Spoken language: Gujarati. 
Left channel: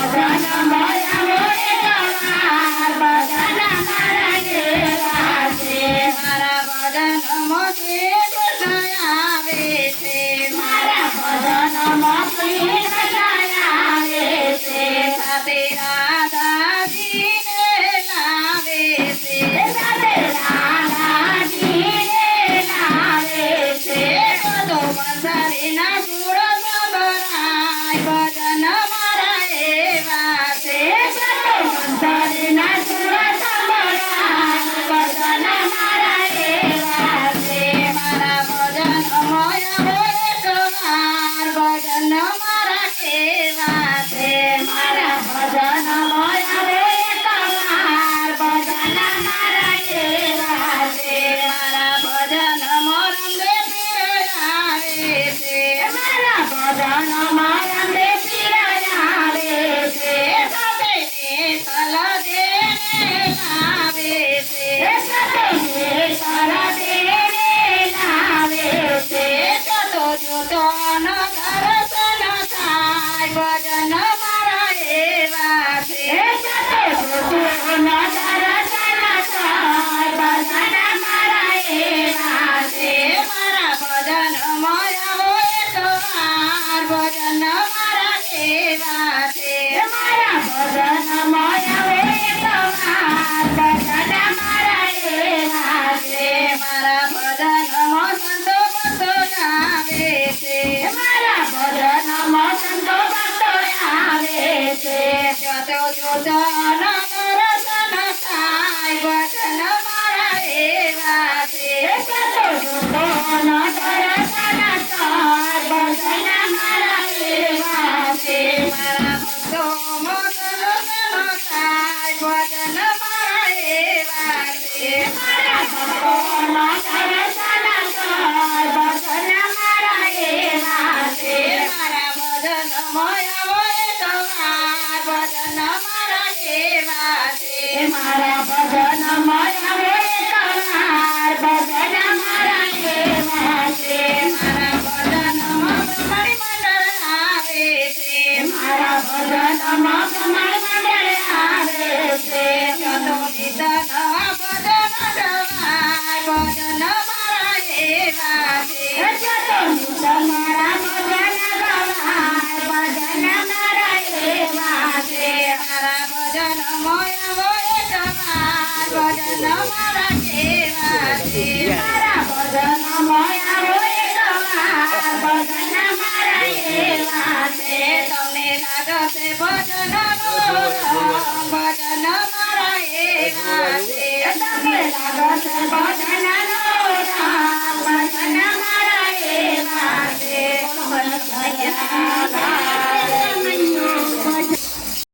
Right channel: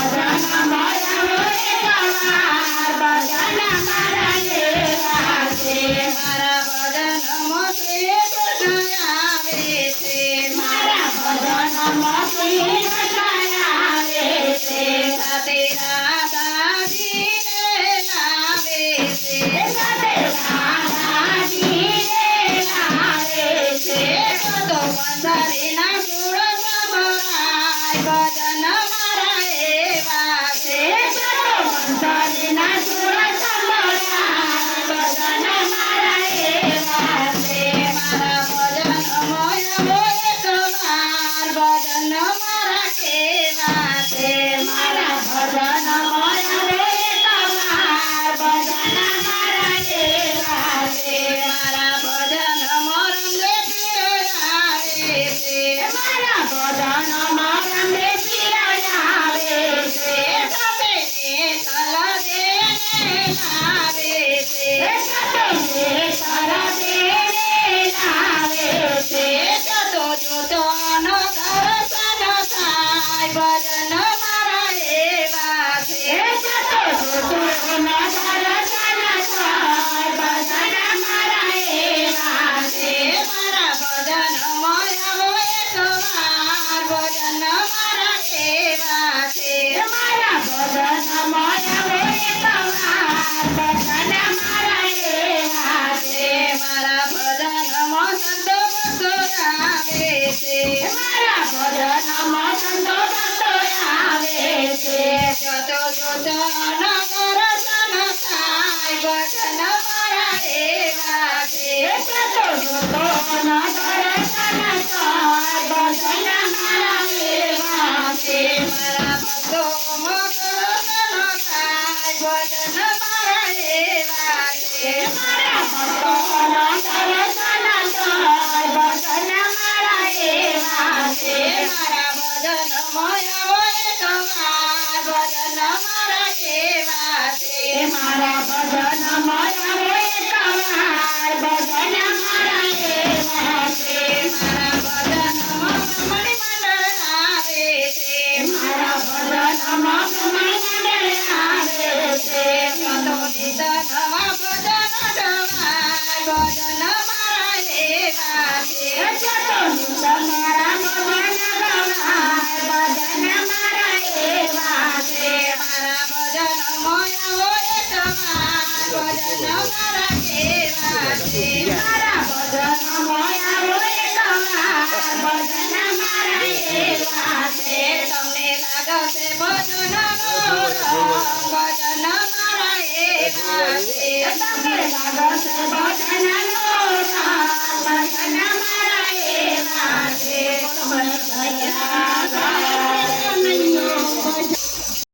ભજન મારા હોય કવાર ભજન મારા એવા છે મારા ભજનમાં શ્રી કૃષ્ણ આવે છે મારા ભજનમાં શ્રી કૃષ્ણ આવે છે સાથે રાધાજીને લાવે છે સાથે રાધાજીને લાવે છે તો બંધારીના સુર સંભળાય ભજન મારા એવા છે તો બંધારીના સુર સંભળાય ભજન મારા એવા છે મારા ભજન મોય હોય કવાર ભજન મારા કેવા છે મારા ભજન મોય હોય કવાર ભજન મારા કેવા છે મારા ભજન મોરમને પીરાવે છે મારા ભજન મોરમને પીરાવે છે સાથે તલ દેને લાવે છે સાથે તલ દેને લાવે છે તો જોતો ન દર્શન થાય ભજન મારા એવા છે તો જોતો ન દર્શન થાય ભજન મારા એવા છે મારા ભજન મોયા હોય કવાર ભજન મારા એવા છે મારા ભજન મોયા હોય કવાર ભજન મારા એવા છે મારા ભજનમાં સંતો ભક્તો આવે છે મારા ભજનમાં સંતો ભક્તો આવે છે જોતો જોતો ન દર્શન થાય ભજન મારા એવા છે જોતો જોતો ન દર્શન થાય ભજન મારા એવા છે મારા ભક્તો દર્શન થાય ભજન મારા એવા છે મારા ભક્તો દર્શન થાય ભજન મારા એવા છે મારા ભજન મોયા હોય કવાર ભજન મારા એવા છે મારા ભજન મોયા હોય કવાર ભજન મારા એવા છે મારા ભજનમાં બ્રહ્મણી મંડળ આવે છે મારા ભજનમાં બ્રહ્મણી મંડળ આવે છે તો નિત નવા ભજન ગવાય ભજન મારા એવા છે તો નિત મારા ભજન ગવાય ભજન મારા એવા છે મારા ભજન મોયા હોય કવાર ભજન મારા એવા છે મારા ભજન મોયા હોય કવાર ભજન મારા એવા છે તમને લાગશે ભજનનો રંગ ભજન મારા એવા છે તમને લાગશે ભજનનો